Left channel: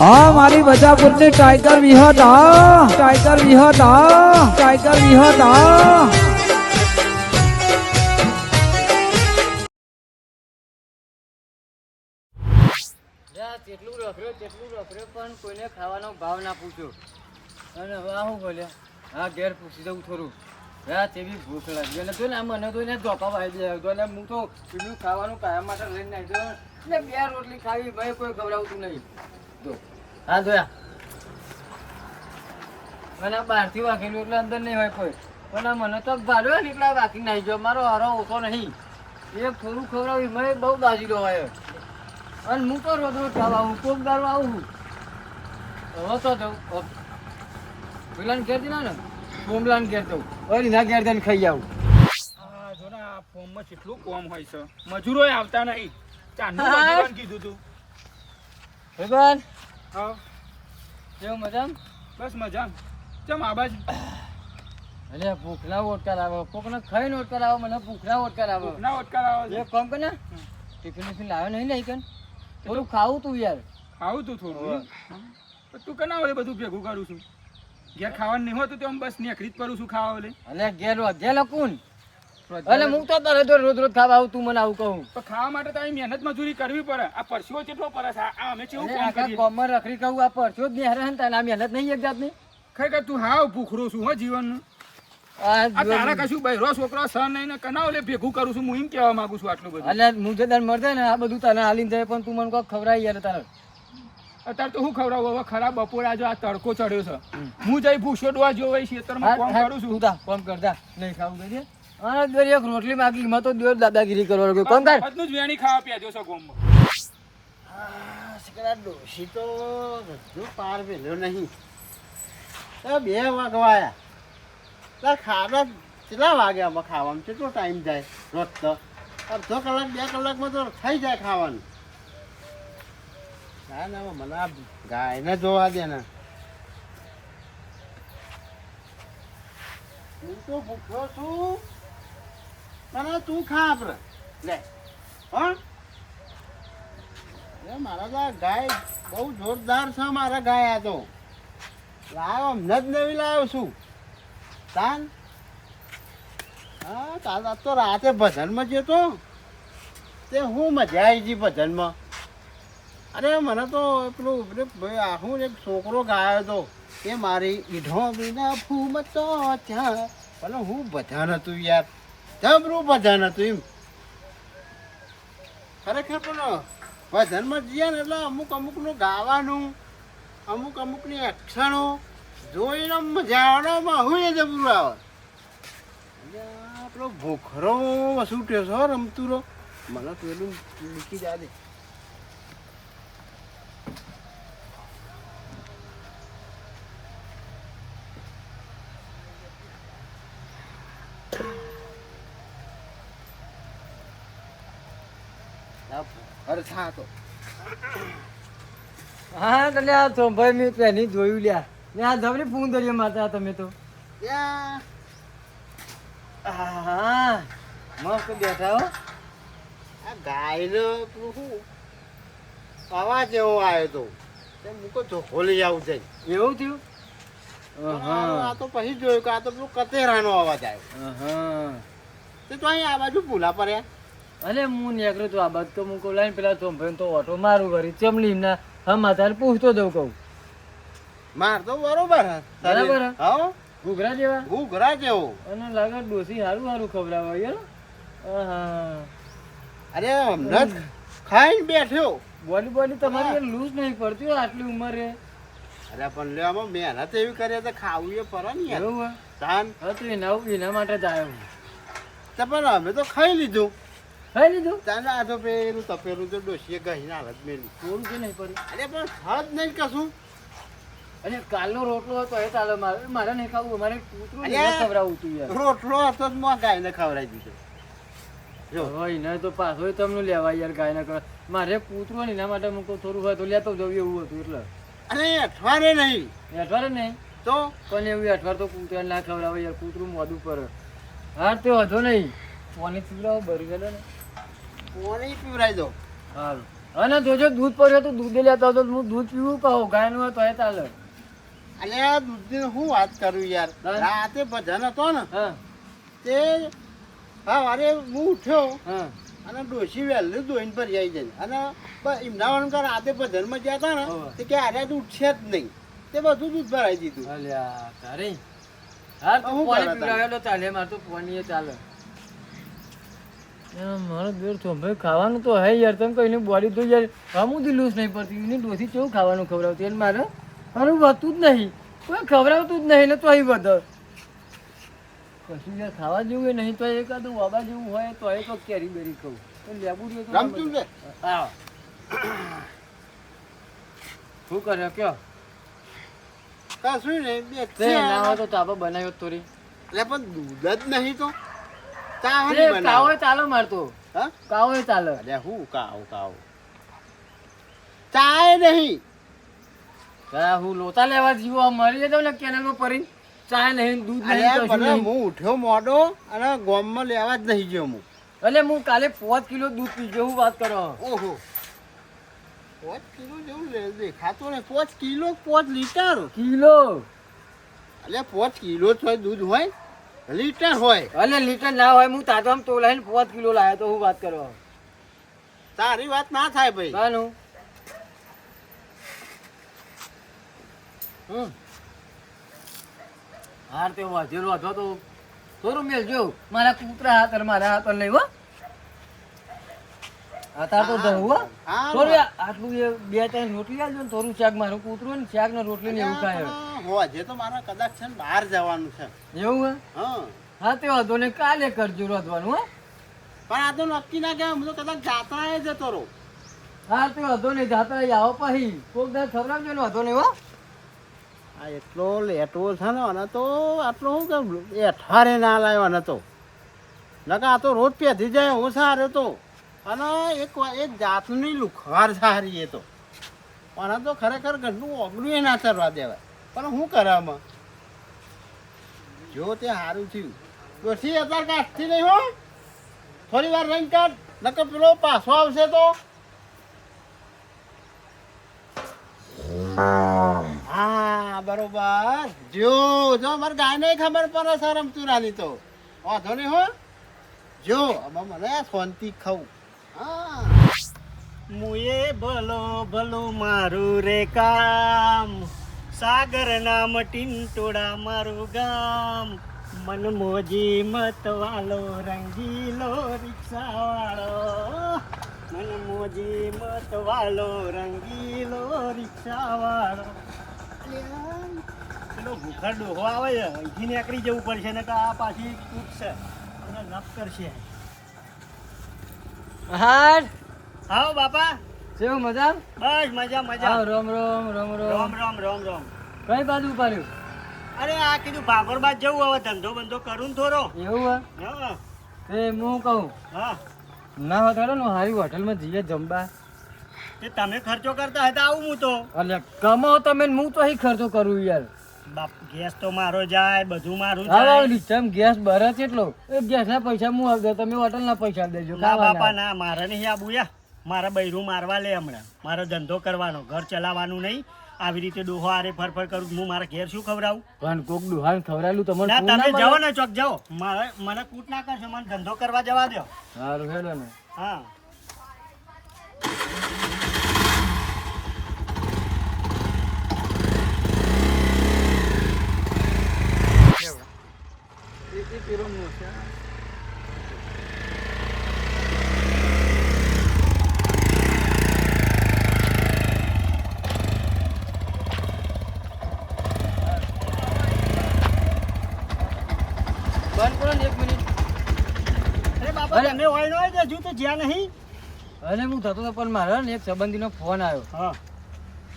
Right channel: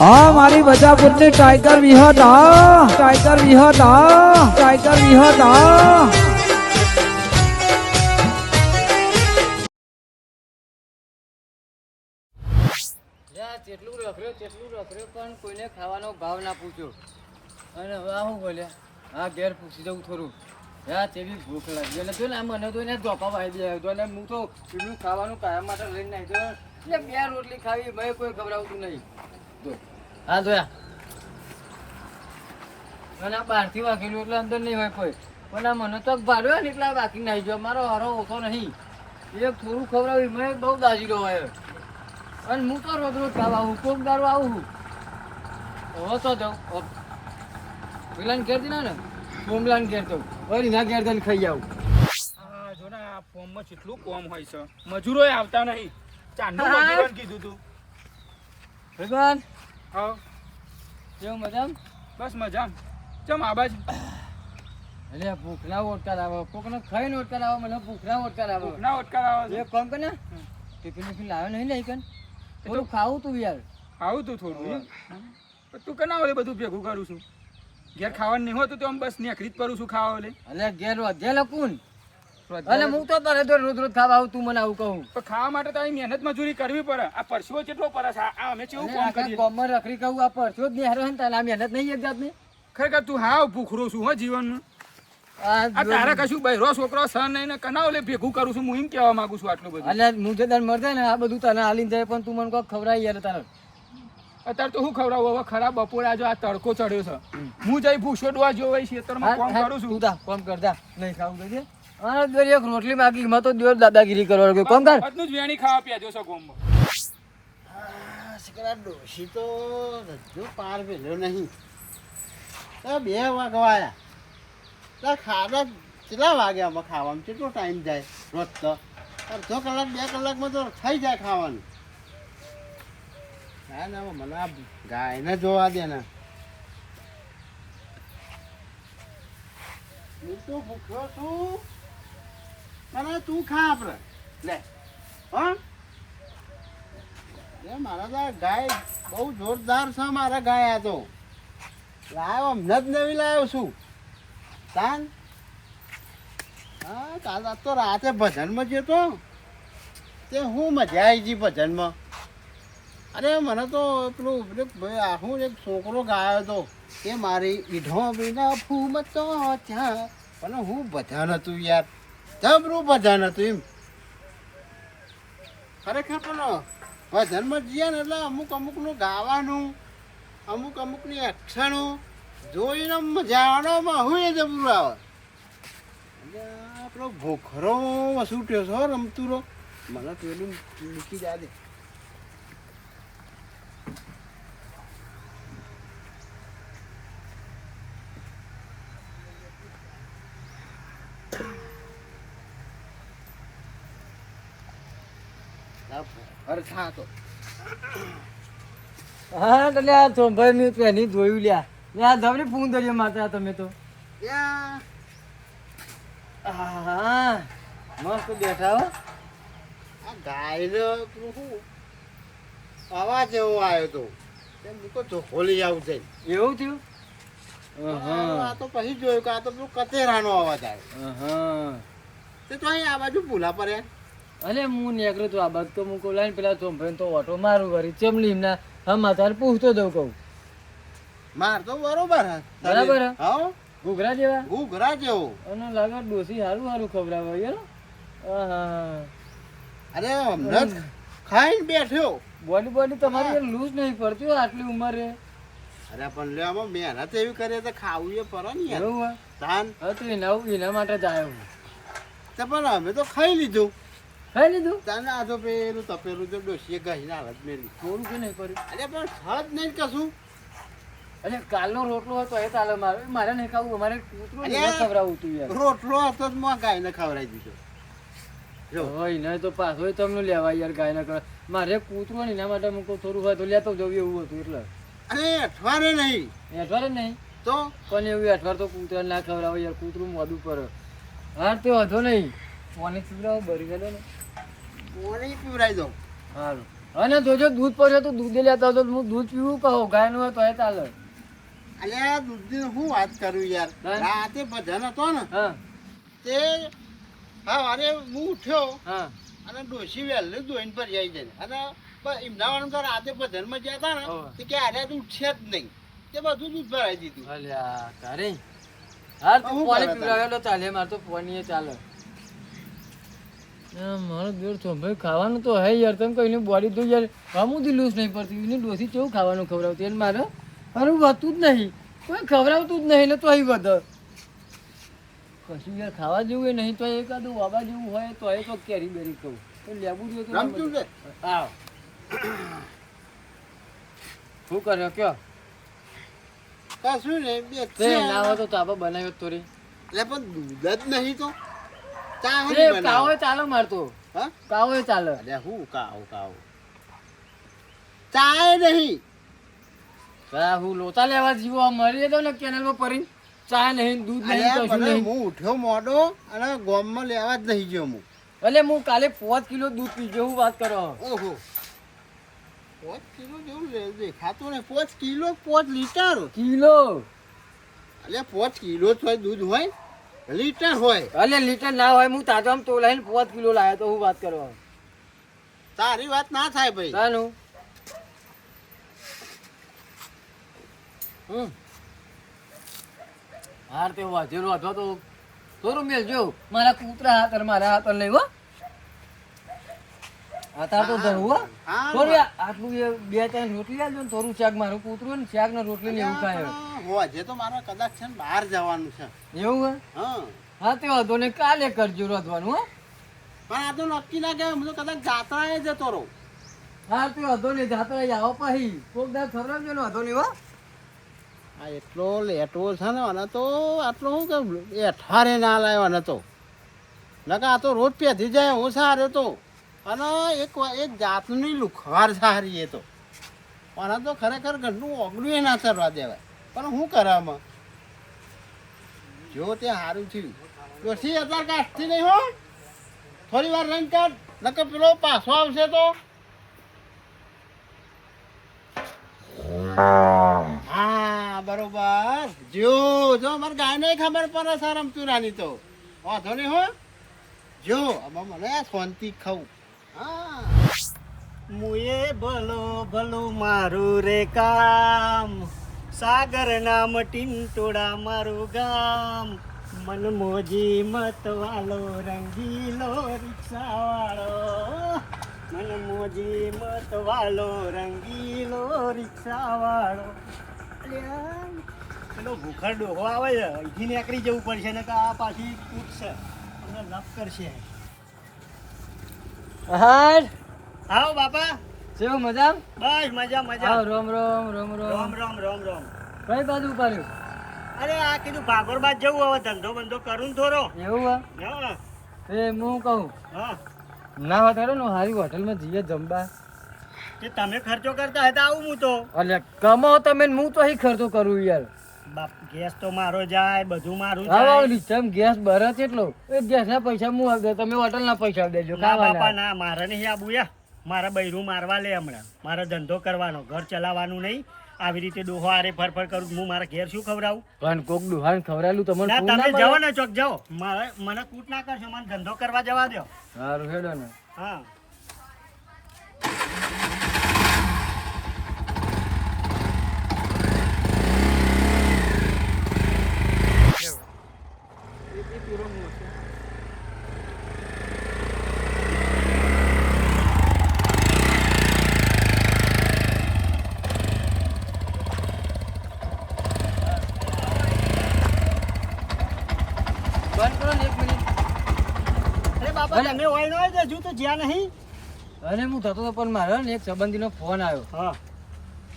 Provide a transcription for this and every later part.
હા, મારી બજાપુરની ટાઈગર વિહત. હા ટાઈગર વિહત. હા ટાઈગર વિહત. હા યા તેટલું રખડ્યો તેટલું રખડ્યો પણ કોઈને ખાવાનો ભાવ ના પૂછ્યો અને આ શું બોલ્યા? હા ઘેર પૂછી દઉં થોડું. હા તેવી ભૂખ લાગી. અને તો ને મને તો એને ધોપા વાળી દે તો અને હું તો પેલું ખાવાનું કાયમ માટે લઈને દઉં એટલે બે રોટલી ખાવી, મેં કોઈ ગભરાવતું નહીં. હા જોયા. મને બહારથી વાંકેલું એટલે અંદર નહીં હોય કોઈ. પણ આ મને તો ભાડ્યો ને એટલે બાકી નહીં ગયો. મારો હારો ઓછો નહીં. એક થોડું ખવડાવી મેં બહુ દાજીલો હોય. અને હું તો રોજ રોજ ખાવા આવું કોક દારો આવું હવે તો જાઉં. પેલાને ઘેર દીધા ને. કોમલાને ઘેર દઉં હવે ના ઘેર દઈને ખાઈ આવું. આ જો ને આ ફોર્મમાં કેટલું કોમ હોય છે. મજૂરો આવતા નહીં. ચાંદનું મજૂરોને કીધું તું. ભગવાન. હા કેવું મજામ? બસ મજા ચમ આબાજ બાજુ? અરે ભૂખના ઓટકાર આવો. કોકને ખાઈને ઓટકાર આવો મને ભૂખના ઓટકાર આવો. ના ઓટકાર આવો એ કોમ કે ને? ટિફિન ટિફિન લાવે નહીં લઈ કન થોડું ખાવું તું યાર. ખાવું તું થોડું તું કના ઓલે બધું ભેગું કરું છું. ઘેર ખાવાનું નહીં હોતું તો આમ બસ નેકરી જ કરું છું ખાવા ઓલે અલે ઘેર વધે લકુન અને હું તો તારે જો રોજ રોજ ખાવા આવું તું મને આવું કહું. તો ખાવા માટે તો અહીં મહેનત મજૂરી કરવી પડે. આ પરસેવો કેટલો પરસ આ અમે કેવું કામ કરીએ? કોમર રખડી કહું આ પરસો જ નહીં હરે તને આ મહેનત નહીં એક જાતની. ખરેખર તું હાવ ભૂખરો છું હો જીવનનું. આ તારા કશું છોકરો સહ નહીં ને કના ઓલે ભેગું કરું છું હું એમ કહેવા માંગુ છું આટલું બધું. હું જે મરતા ને આ બધું તને હાલીને જાય પણ તું મને કોઈ ખવડાવી યાર તારે. અત્યારે તો હું ખવડાવું? હવે ખરાબ બપોરે આજે આ તડકો ચડ્યો છે. હું જઈ ભૂસો ડોવા જો ભાઈ ખેતરમાં કામ કરું છું. કોમ કરતા નહીં ખાવું કે અને દર એક રોટલી બાકી માં તો દિવસ દાદાગીરી કરવા ગયો કોણ થાય? બધું જ વેણી ખાવા પીવા છો ગોમમાં સિકરા ડોશી તો રજ્જો પાર ભેલ્યો નહીં. તો બે વાગવાયા. તો ખાવા કેટલા વાગ્યા આમાં ખાવામાં કેટલો ટાઈમ જાય રોજ તો? અડધો કલાક બે કલાકમાં તો થઈ જાય ખાવાનું. ના ના મને આ ગાયને જોવા દે ને. હું તો ભૂખ્યો છું. અને તું ખા આપણે લે. હા? એ મારા તો ગાય બહુ જોરદાર છે, મારા ગાય આ તો. લાવ્યો હમણાં જ નવી લાવ્યો છું. તાન? હા કાલ તો રાતે ભજનમાં જતો તે. હું મજા આવી ગઈ ભજનમાં. અરે મને તો પેલું શું એક છોકરો ગાયો હતો એ મારી ઈઢો વિના ફૂમતો ત્યાં પણ હું ભજન હતું યાર. જબરું ભજન હતું એમ. ખરેખર પણ ભજનમાં જઈએ ને એટલે અમુક અમુકનું ગાવાનું, અમુક અમુકની એક્શનો જોઈને મજા હું એ જબરું આવે એટલે આ પેલો ભોખરો છૂટ્યો છો રમતુરો? મને પેલું મૂકી જા દે આ થાતો. હા એટલે આ તો ભાઈ મેં પહેલી જોયું લ્યા. ને આ જબરી ફૂન માતા તમે તો. હા મસ્ત બેઠા હો. આ ગાયનો શું અવાજ એવો આવ્યો તો. તો મૂકો ચોખ્ખો લઈ આવું છે એવું થયું? આ તો પછી જોયું કે આ તો પેલું કતેરાનો અવાજ આવ્યો તો તો અહીં આ બાજુ ભૂલા પડ્યા. અલે હું નીકળું તો આ બાદ તો હું કહું પેલા ચોંભાઈ તો ઓટો મારું કરી ચમલી ના હા તારે પૂછતો દઉં કહું. માર તો બરોબર બરાબર હે? ઘૂઘરા જેવા? ઘૂઘરા ઘરા જેવો. અને લાગે ડોસી સારું સારું ખવડાવે યાર. અરે હમણાં ખાઈને બેઠ્યો. બોડી બોડી તમારી લૂઝ નહીં પડતી આટલી ઉંમરે અરે પણ લે આમાં મહેનત એવી કરીએ તો ખાવું એ પર ને એવું? તાન. હા તો એના એના માટે જ આવ્યો તો પણ અમે તો ખાઈ લીધું. ખાઈ લીધું? તાન આ તો પેલું તપેલું તો ડોસીએ ગહીને હાલત મેલી. થોડું કે નહીં પડ્યું અરે પણ ફળ નહીં કશું. અરે કાલનો રોટલો હતો એ ચાલે મારે. મારે નહીં ખાવું મારે કૂતરું અરે! નહીં ખવડાવવું તું યાર. રોટલો હતો જ માં ગાયને ખવડાવી દીધો. જો. હોય ને તો પાછો તમને લેવા યાર ગાય ના કરે મારે કૂતરો નહીં એના માટે મૂકો થોડું હોય તો લેતો જવું એવું હતું એટલે. અને અઠવાડે નહીં. અઠવાડે નહીં? તો? પણ એવું અઠવાડ તો કૂતરા ના ખવડાવે યાર કૂતરું મોડું પર હા તે વધો નહીં. પાણી પીવડાવો ભરી ગયેલો ને. પાણી પીવડાવી દો સારું અને જોજો દૂધ પડ્યો તો દૂધ લેતા હતો હું દૂધ પીવું કહો ગાયનું હોય તો એ ચાલે. અલે આ દૂધની હું વાત કરું યાર. રાતે ભજન હતો ને તે હા અરે હું ઉઠ્યો હા. અને ડોશી વહેલું દોઈને પર જાય જાય અને ઇમદાવાદ કર રાતે ભજનમાં ગયા હતા ને તે કે આજે તો ઉઠશે જ નહીં. તે બધું દૂધ ભરાઈ દીધું. અલ્યા તારે. હા તું પાણી પીવડાવેલો ચાલે. મારે તો પાણી ચાલે. મારો દૂર તો ભાઈ ખાવાનું તો હે યાર તમે કહીને બોડી તો યાર હમું લૂઝ નહીં પડતી. એની ડોસી કેવું ખાવાનું ખવડાવતી? એને મારે મારું વધતું જ નહીં. કોઈ ખવડાવતું જ નહીં એટલે તો અહીં વધે કશું યાર ખાવા જેવું નહીં તો એકાદું વાબા જેવું હોય તો એ તો કેરી બેરી ખાવું. તો લેવું જોઈએ તો આવો શું કર્યો કયો? કશું નહીં બે તે ના હોય તો તાપા બનાવ્યો તોરી. એટલે પણ દૂધ જ નહીં તો. એ. કાવો ચાલો મારતો હા? કાવો ચાલે. અરે હું કાવ કાવ. ચાય નહીં. હું લોટા લેવા જીવો આ મરી જતો ને કેનલમાં પડી ચા નહીં દૂધ નહીં કશું નહીં. હું ઉઠ્યો મોડો અને ગોમમાં લેવા જ નહીં ગયો હું. એટલે હું કાલે પાંચ કિલો દૂધ પીજો હું વાત કરો. ઓહો. પાંચ કિલો જેવું દેખાતો દેખાતું ને પાંચ કિલો પાંચ લીટર. કિલો. એટલે પાંચ કિલો જ હોય દૂધ હોય? લીટર હોય. અને લીટર ના હોય હું તાજો આમ તો લઈને પાંચ કિલો લાવ્યો તો હું વાત કરો તારી વાત ના થાય ભાઈ. તાનું? હમ. હાર તે વાજેલો હતો તો થોડું મેલજો મારા કૂતરા હાથ અને મારા હાથ લઈ હો. તાર તો હા, થોડું આટલું બે ત્રણ રોટલી આલજો ને થોડું શાક મારું કૂતરું ને શાક ને રોટલી ને એવું ખાય. હોજે તો મારે કદાચ છે ને બહાર જવાનું છે. એવું હે? હા. તે વાંધો ને કાલે કરજો રોધવાનું હો. પણ આ તો નક્કી ના હું તો કદાચ જાત્રાએ જતો રહું. હા તે વાંધો નહીં. જાતા આવો પછી. કોક દાડ ખવડાવજો ને વાંધો નહીં હો. આ એટલો લેટવો છે ને અને તો આટલો શું કે એઠારે ના લાવ્યો અને તો. નકા આ તો રોજ પેધી જાય હું સારો તો. અને એક એક જાતની લુખવાર સારી એ તો. અને તો ખરેખર ઘરનું ઓગળું એ ના કરવા દેવાય. પણ શું કરે આમાં? જો તે સારું થયું. ડોસી હજાર કાઢતી નહીં હો. થોડી વાર રંગ કાઢ નકર પેલો પાછો આવશે તો. હા, બરોબર. જો જો ગાય ગાયને ખબર પડે સર રમતું નાની તો. વાંધો નહીં હો. જો હવે મને શાંતિ ખાવું હા. મુએ ભલો ભલો મારું રે કામ. સાગર નામ ટીંટોડા મારું ગામ. મનમોજી મત વાલો, રંગીલો રિક્ષા વાળો મન મત વાલો, રંગીલો રિક્ષા વાળો પેલો ભૂખર ડોહો આવે છે, અહીંથી નીકળી જવું પડશે ને આ પાછી તૂટશે. અમને લપ કરશે. હાર. આવો બાપા. કેવું મજા બસ મજા મજા. આવ રોમ રોમ રોમ રોમ. રોમ રોમ રોમ રોમ. કઈ બાજુ ઉપાડ્યું? અરે આ કીધું ભાગોર બાદ જવું હવે ધંધો બંધો કરું થોડો. એવું હે? એ હું કહું હા. ના તો ને હારી હોટલમાં જઈએ જમવા. તે તમે ખર્ચો કરતા હતા આવું હું તો. એટલે કમાઓ તમે હું તો અહીં ખર્ચો કરું યાર. બાપ ગેસ તો મારો જાય બધું મારું જાય. ચમ ગેસ ભરે એટલો? એ ગેસ ના પૈસા હું આગળ તમે હોટલ ના પૈસા દેજો ના બાપા ના મારે નહીં આબુ યા. મારા બૈરું મારવા લે હમણાં. મારે ધંધો કરવાનો ઘર ચલાવવાનું નહીં. આવી રીતે ડોહો આરે ફરફર કરું હું મારા ઘેર શું ખવડાવું? પણ કોક ડુહાન ખવડાવું તમને તમે જાઓ ને ચોક જાઓ. મારે મને કૂટ ના કરશો મને ધંધો કરવા જવા દો સારું હેડો ને. હા બંધ કરો ને એક મિનિટ અરે બાપા તમે તો હજુ તો જ્યાં નહીં. અરે હું થતો હતો પણ મારો ને એક સંબંધીનો ફોન આવ્યો. હા.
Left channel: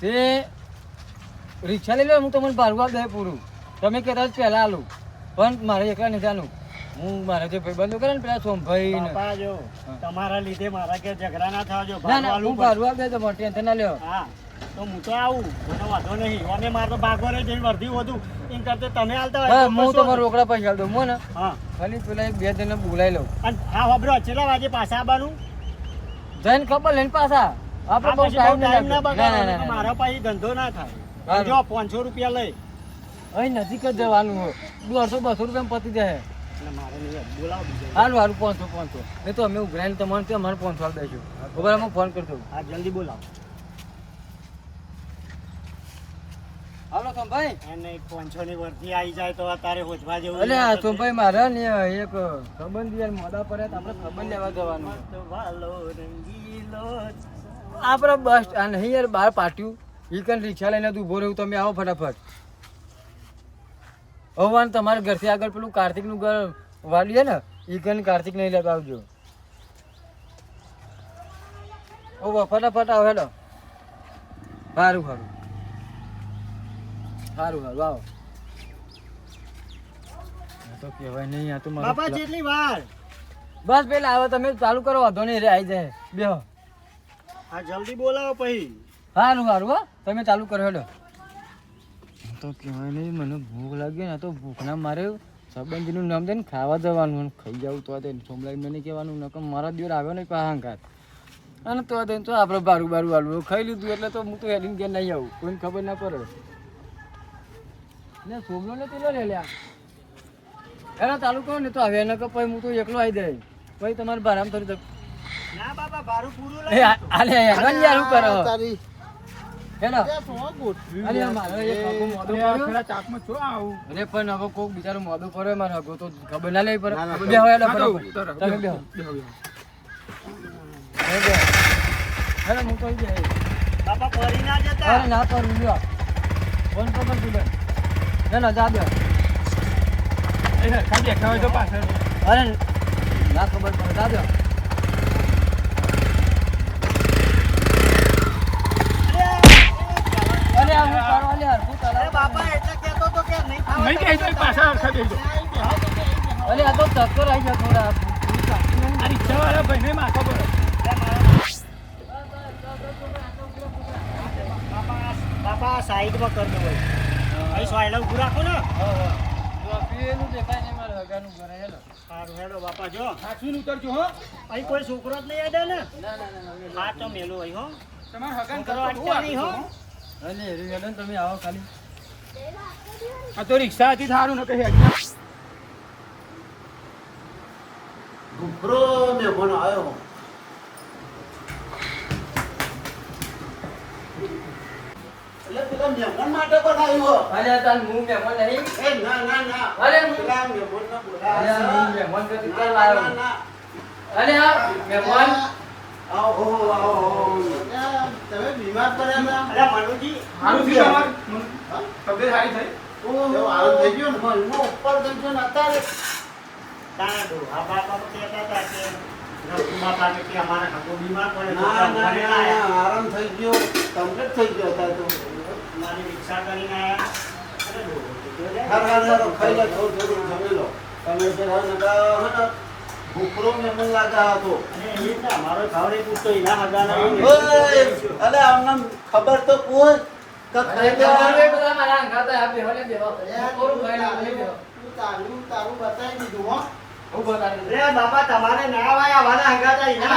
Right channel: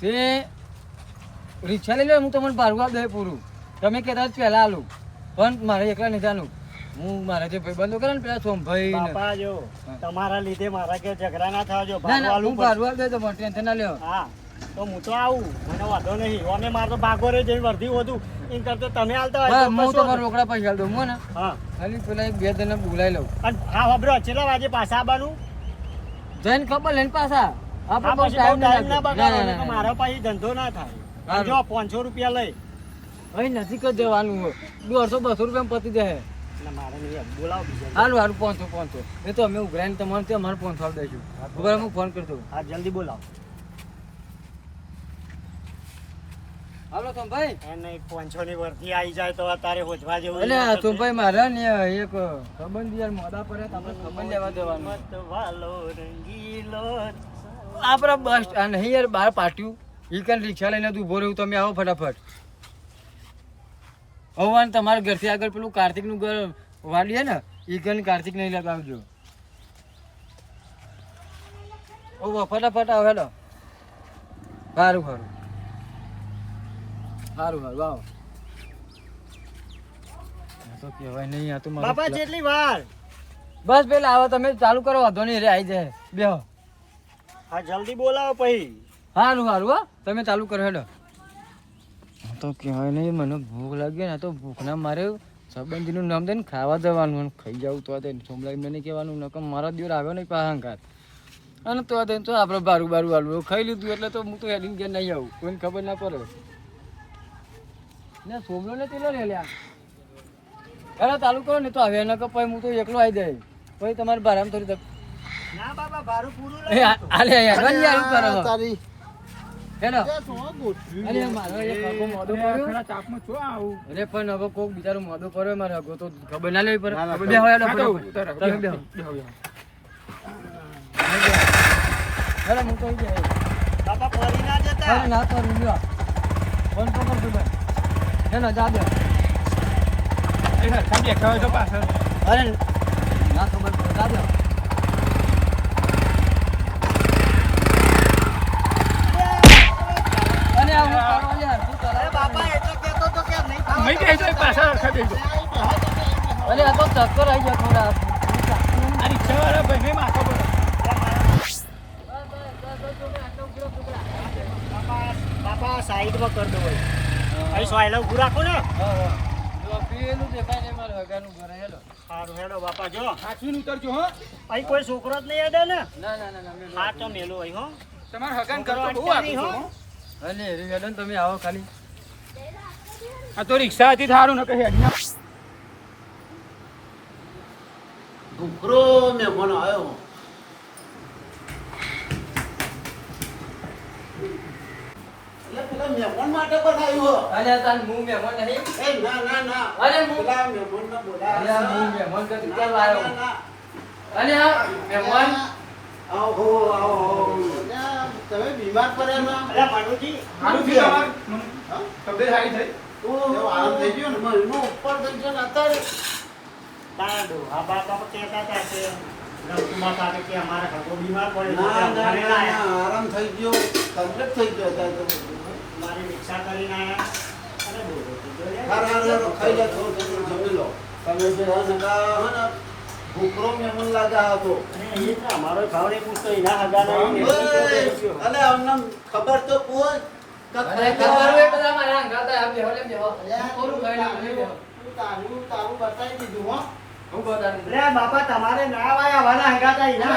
તે રિક્ષા લઈ લો હું તમને બારવા દે પૂરું. તમે કહેતા જ પહેલા આલું. પણ મારે એકલા નહીં જાણું હું મારા જે ભાઈબંધો કરે ને પેલા સોમભાઈ જો તમારા લીધે મારા કે ઝઘડા ના થવા જો હું બારવા દે તો ટેન્શન ના લ્યો. હા તો હું તો આવું. મને વાંધો નહીં. અને મારે તો ભાગો રહી જઈને વર્ધી વધુ. એમ કરતો તમે હાલતા હોય હું તમારા રોકડા પૈસા હાલ દઉં ને? હા. ખાલી પેલા એક બે જણને બોલાવી લઉં. અને હા વાપરો છેલ્લા વાગે પાછા આવવાનું? જઈને ખબર લઈને પાછા. આપણે બહુ ટાઈમ ના બગાડો. મારા પાસે ધંધો ના થાય. જો પાંચસો રૂપિયા લઈ. અહીં નજીક જ જવાનું હોય. દોઢસો બસો રૂપિયા પતી જાય. હાલ હારું પાંચસો પાંચસો. એ તો અમે ઉઘરાઈને તમારે ત્યાં અમારે પહોંચવા દઈશું બરાબર હું ફોન કરતો હા જલ્દી બોલાવો. હાલો સોમભાઈ. એને પાંચસો ની આવી જાય તો તારે હોજવા જેવું એટલે સોમભાઈ મારે ને એક સંબંધ યાર મોદા તો આપણે ખબર લેવા જવાનું. વાલો રંગીલો આપણે બસ આ નહીં યાર બહાર પાટ્યું. ઈ કન રિક્ષા લઈને તું ઊભો રહ્યું તમે આવો ફટાફટ. હવાન તમારા ઘરથી આગળ પેલું કાર્તિકનું ઘર વાલીએ ને ઈ કન કાર્તિક નહીં લગાવજો આવજો. ઓ ફટાફટ આવો હેલો. સારું સારું સારું સારું આવો. તો કહેવાય નહીં આ તો મારું બાપા જેટલી વાર? બસ પેલા આવો તમે ચાલુ કરો વાંધો નહીં રે આવી જાય. બેહો. હા જલ્દી બોલાવો પછી. હારું સારું હા. તમે ચાલુ કરો હેડો. તો કહેવાય નહીં મને ભૂખ લાગી ને આ તો ભૂખના મારે સંબંધીનું નામ દઈને ખાવા જવાનું અને ખાઈ જાવ તો તે સોમલાઈ મને કહેવાનું નકમ મારા દિવસ આવ્યો નહીં પાહાંકાર અને તો તે તો આપણે બારું બારું આલું ખાઈ લીધું એટલે તો હું તો હેડીને કે નહીં આવું. કોઈને ખબર ના પડે. ને સોમલો ને પેલો રે લ્યા. એના ચાલુ કરો ને તો હવે એને કહો પછી હું તો એકલો આવી જાય. પછી તમારે બારામ થોડી તક ના બાપા ભાડું પૂરું એ આલે યાર યાર શું કરો અરે મારે એક આખો મોઢો પડ્યો. પેલા તાપમાં છો આવું? અરે પણ હવે કોક બિચારો મોઢો પડ્યો મારે હગો તો ખબર ના લેવી પડે. તમે બે. હેડો હું તો. બાપા ફરી ના જતા. અરે ના લ્યો. ફોન પકડ તું બેન. હેડો, જા બેહો. એ હરખા બેઠા હોય તો પાછળ અરે ના ખબર પડે જા અરે આ હું કરવા લ્યા, શું અરે કરવા? બાપા એટલે કહેતો તો કે નહીં ખાવા નહીં જાય તો પાછળ અરે આ તો ચક્કર આવી જાય થોડા. આ માથો પડે બાપા બાપા સાઈડમાં કરી દો ભાઈ અહીં સોયલા ઊભું રાખો ને. હા, હા. પેલું દેખાય ને મારે હગાનું ઘરે હેલો. સારું હેલો બાપા જો. સાચવીને ઉતરજો હો. અહીં કોઈ છોકરો જ નહીં અડે ને. ના ના ના ના હા તો મેલો અહીં હો. તમારે હગન કરો નહીં હો. અલે રે મેડમ તમે આવો ખાલી. આ તો રિક્ષા હતી થારું ન કહી હજી. મેં મહેમાન આવ્યો પેલા મહેમાન માટે બનાવ્યો અલે તાન હું મહેમાન નહીં? એ ના ના ના. અરે હું પેલા મહેમાન ન બોલા અરે હું મહેમાન તો ના, કરવા આવ્યો. ના, ના. આ મહેમાન આવો આવો તમે બીમાર પડ્યા ના અરે માનુજી માનુજી તબિયત સારી થઈ? ઓ આરામ થઈ ગયો ને મહિનો ઉપર થઈ ગયો ને અત્યારે તારા ડોહા બાપા કહેતા હતા કે અમારા બીમાર પડે. ના. ના, આરામ થઈ ગયો કમ્પ્લીટ થઈ ગયો હતા. તો હાર હાર હાર ખાઈ લે થોડું થોડું જમી લો. તમે જે ને ને ભૂખરો લાગા હતો પૂછતો એના હગા નહીં. અલે ખબર તો કોઈ ખબર હોય બધા મારા આ તારું તારું બતાવી દીધું હો. હું બાપા તમારે ના આવાય આવવાના હગા હતા એના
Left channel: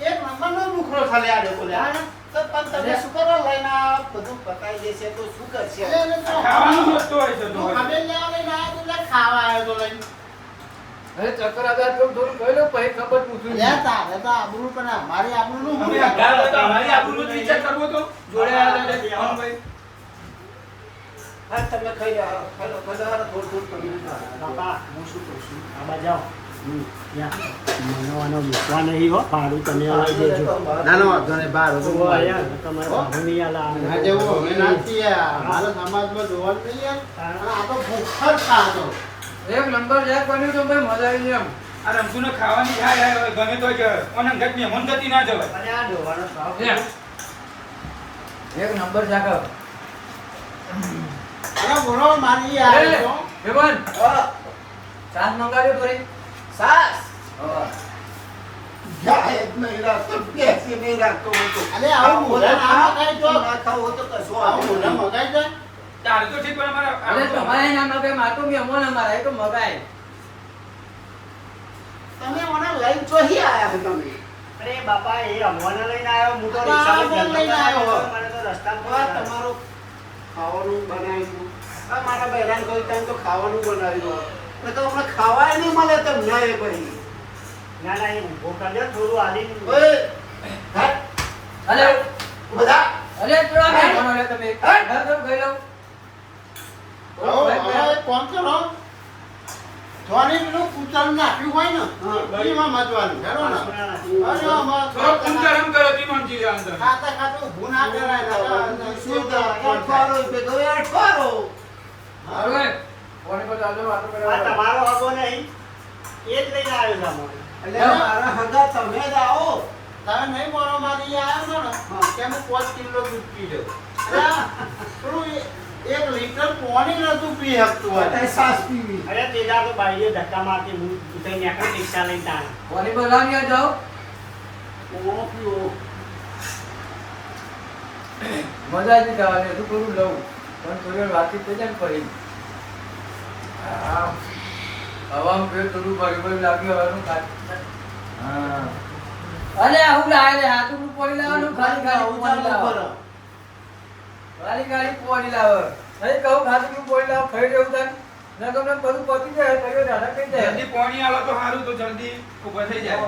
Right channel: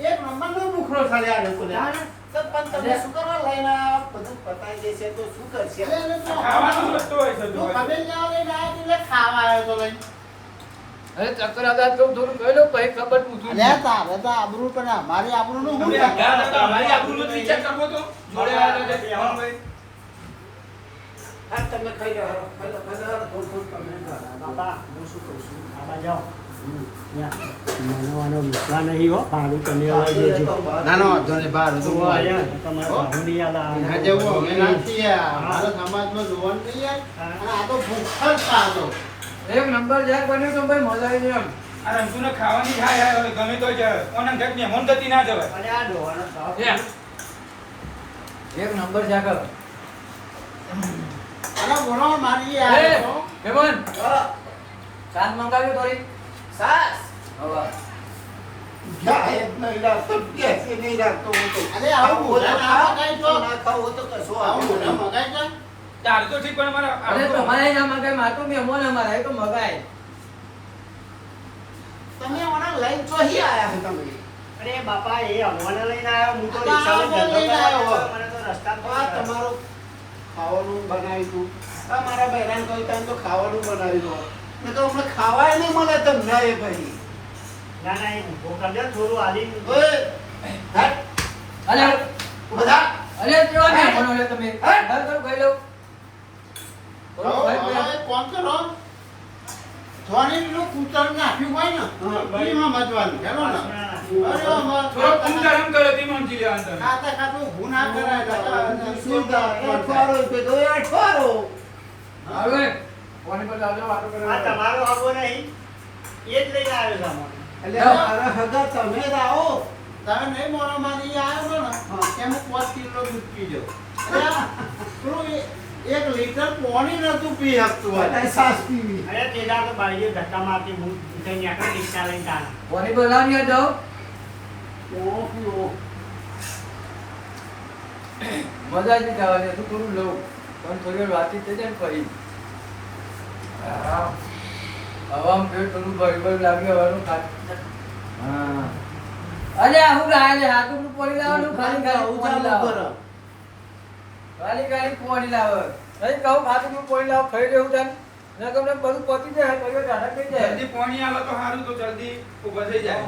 એ મમ્માનો ભૂખરો ખાલી આડે બોલ્યા તો પણ તમે શું કરવા લઈને બધું પતાઈ દેશે તો શું કરશે ખાવાનું વધતો હોય છે તો. ખબર લઈને આવ્યો તું લે ખાવા આવ્યો તો લઈને અરે ચક્કર આઘાત કરું થોડું ખાઈ લો પછી ખબર પૂછું અલ્યા તારે તો આબરૂ પણ અમારી આબરૂ નું તમે હગાર અમારી આબરૂનો જ વિચાર કરવો તો. જોડે આવ્યા હતા તે અમનભાઈ. હા તમે ખાઈ ખાઈ લો થોડું થોડું તમે ખાઓ. બાપા હું શું કહું છું આવો. હમ, ત્યાં. મને નહીં હો ભાડું તમે દેજો ના ના વાંધો નહીં બહાર તો તમારે ભાડું નહીં આલે. ના જવું અમે નાખી મારા સમાજમાં જોવાનું નહીં યાર. આ તો ભૂખર એક નંબર યાર બન્યું તો ભાઈ મજા આવી એમ. આ રમઝુને ખાવાની ખાય હવે ગમે તો જ ઓને ઘટ મહેમાન ગતિ ના જવાય. અને આ જોવાનો ભાવ. એક નંબર જાગો અને ગુનો મારી એ યાર. બેબન ચાસ મંગાવ્યો થોડી. સાસ હવે ગાય જ નહીં રાખતો પેસી નહીં રાખતો અરે આવું મોઢા ના મગાય તો ના ખાવું તો કશો આવું મોઢા મગાય છે તાર તો ઠીક પણ મારે અરે તમારે ના મગાય મારે તો મહેમાન અમારા એ તો મગાય. તમે ઓના લઈને ચોહી આયા છો તમે. અરે બાપા એ અમવાને લઈને આવ્યો હું તો આ લઈને આવ્યો. તો રસ્તામાં તમારું ખાવાનું બનાવ્યું મારા બહેરાને કહ્યું ત્યાં તો ખાવાનું બનાવ્યું. તો આપણે ખાવાય નહીં મળે તો એ ભાઈ. ના ના એ ઊભો કરજો થોડું આલીને ઓય, અરે બધા? અરે કેવા મહેમાનો રે તમે. હે? બંધ કરો ખાઈ લઉં હો, હવે પહોંચ્યો ને ધોની પેલું કૂતરું નાખ્યું હોય ને એમાં મજવાનું ચાલો ને? અરે કરો કોની પર દાદો વાતો કરે આ તમારો હગો નહીં. એ જ લઈને આવ્યો છે એટલે મારા હગા તમે જ આવો. તમે નહીં મોરો મારી આવ્યો ને કે પાંચ કિલો દૂધ પી જાઉં એટલે આ પેલું એ- એક લીટર પાણી નતું પી શકતું હોય. સાસ પીવી. અરે તેજા તો બાઈએ ધક્કા મારતી હું ઉઠીને નીકળી રિક્ષા લઈને તાણ કોની પર લાવ ઓળો પીવો મજા હતું થોડું લઉં. પણ થોડી વાતચીત થઈ જાય ને ફરી. પેટ થોડું ભરી ભરી લાગ્યું હવાનું હા. અરે હાથું લાવવાનું ખાલી ખાલી પાણી લાવો. ખાલી ખાલી પાણી લાવો. નહીં કહું ખાતું પાણી લાવો ખાઈ રહ્યું તને ના તમને બધું પતી જાય કયો ઢાળા થઈ જાય. જલ્દી પાણી આવે તો સારું તો જલ્દી ઊભા થઈ જાય.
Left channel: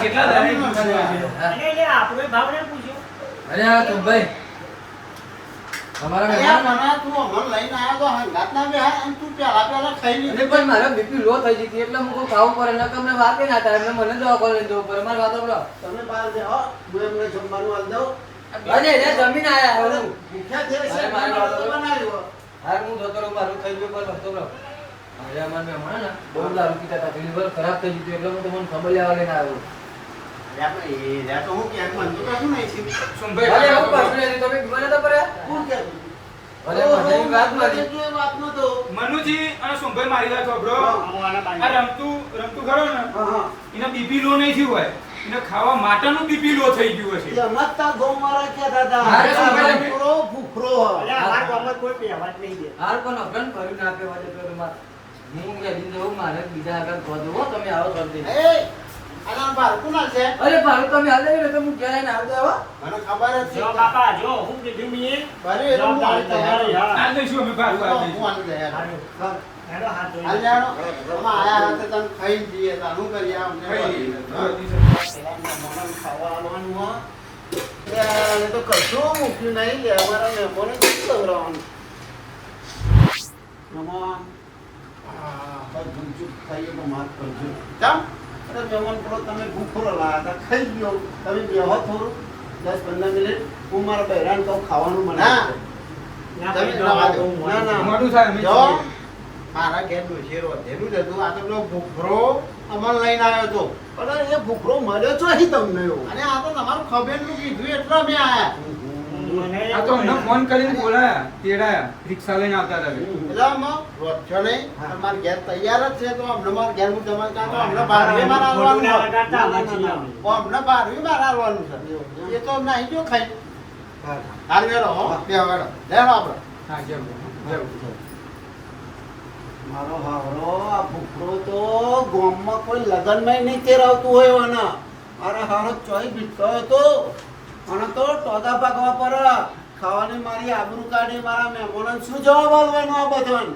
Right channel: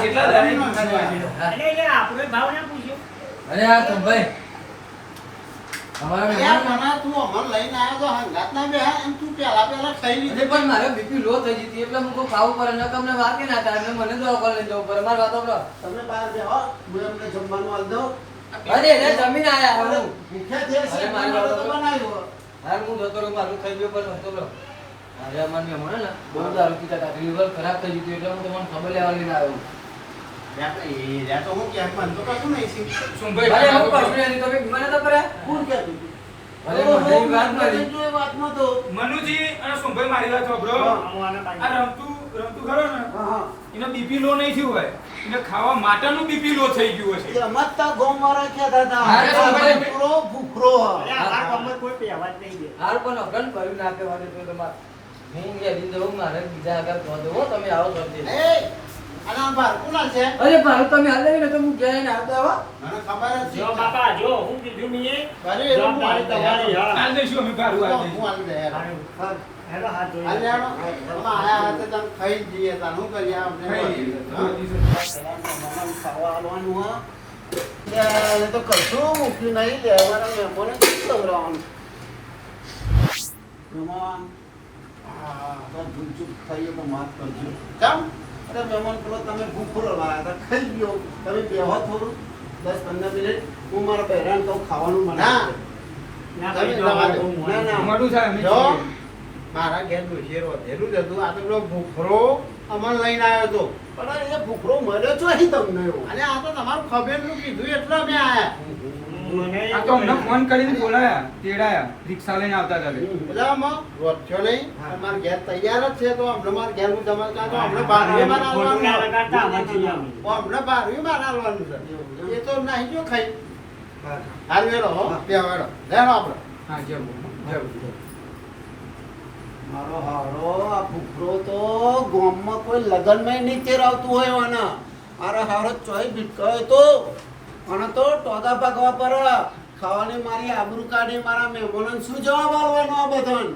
કેટલા ભાવ ને પૂછ્યો. અરે આ તો ભાઈ પણ મારે બીપી લો થઈ જતી એટલે હું તો ખાવું પડે અમને વાત ના થાય? એમને મને જવું પડે મારી વાત સાંભળો. તમે બહાર જાઓ હું એમને જમવાનું આવી દઉં. અરે રે જમીન આયા હું. મારી જતો રહું મારું થઈ ગયું પણ વસ્તુ રહો. અરે અમારે ને બહુ દારૂ પીતા હતા લીવર ખરાબ થઈ ગયું એટલે હું તો મને ખબર લેવા લઈને આવ્યો. મનુજી અને સુંભાઈ મારી વાત સાંભળો. આ રમતું રમતું ખરો ને? હા, હા. એને બીપી લો નહીં થયું હોય. એને ખાવા માટેનું બીપી લો થઈ ગયું હશે. અરે કોઈ નહીં દે. હાલ તમારે. હું યાદી દઉં મારે બીજા આગળ પહોંચો હો તમે આવો કરી દે? અરે ભાઈ તમે હાલ ને તમે ગયા ને આવતો આવો મને ખબર જ છે. જો બાપા જો હું કીધું મેં ભલે એ હું હાલી તૈયાર. હાલ દઈશું અમે ભાડું હાલ હું દઈશું હાલી તૈયાર. હા. એનો હાથ જોઈ હાલ જાણો. તમે આયા હતા તને ખાઈ જઈએ. તાર શું આમ. હા. ખાવા આલવાનું હા. તો કશું મૂક્યું નહીં લેવાના અમારા મહેમાનોને શું ખવડાવવાનું? મહેમાન, આ, બધું ચૂપ થઈએ તો માફ કરજો. કેમ? અરે મહેમાન પેલો તમે ભૂખો લાયા હતા ખાઈ ગયો તમે બેહો થોડું. દસ પંદર મિનિટ. હું મારા બહેરાને તો ખાવાનું બનાવે ના. તમે પેલો રવા હાથ દો. બહુ મોડું ના, ના. મોટું થાય અમે જો, છીએ. મારા ઘેર ડોશીએ વધેલું જ હતું. આ તો પેલો ભૂખરો અમલ લઈને આવ્યો હતો પણ એ ભૂખરો મળ્યો છો અહીં તમને અને આ તો તમારું ખબેટલું કીધું. એટલે અમે આયા. મને આ તો અમને ફોન કરીને બોલાયા તેડાયા રિક્ષા લઈને આવતા હતા એટલે. એટલે અમે નહીં. અમારા ઘેર તૈયાર જ છે તો અમને મારા ઘેર હું તમારે કાં તો અમને બારવી મારે આવવાનું લગાડતા આમાં છીએ અમે. અમને બારવી મારે આવવાનું છે. એ તો નહીં જો ખાઈ. હાલ લેરો હો. બે વાળો. લેરો આપણે હા જરૂર જરૂર મારો હારો આ ભૂખરો તો ગામમાં કોઈ લગનમાં નહીં તેરાવતું હોય વાના મારો હારો ચોઈ ભીટકાયો તો અને તો ટોગા પાકવા પર, ખાવાની મારી આબરૂ કાઢી મારા મહેમાનોને શું જવાબ આપવાનો આ બધાને?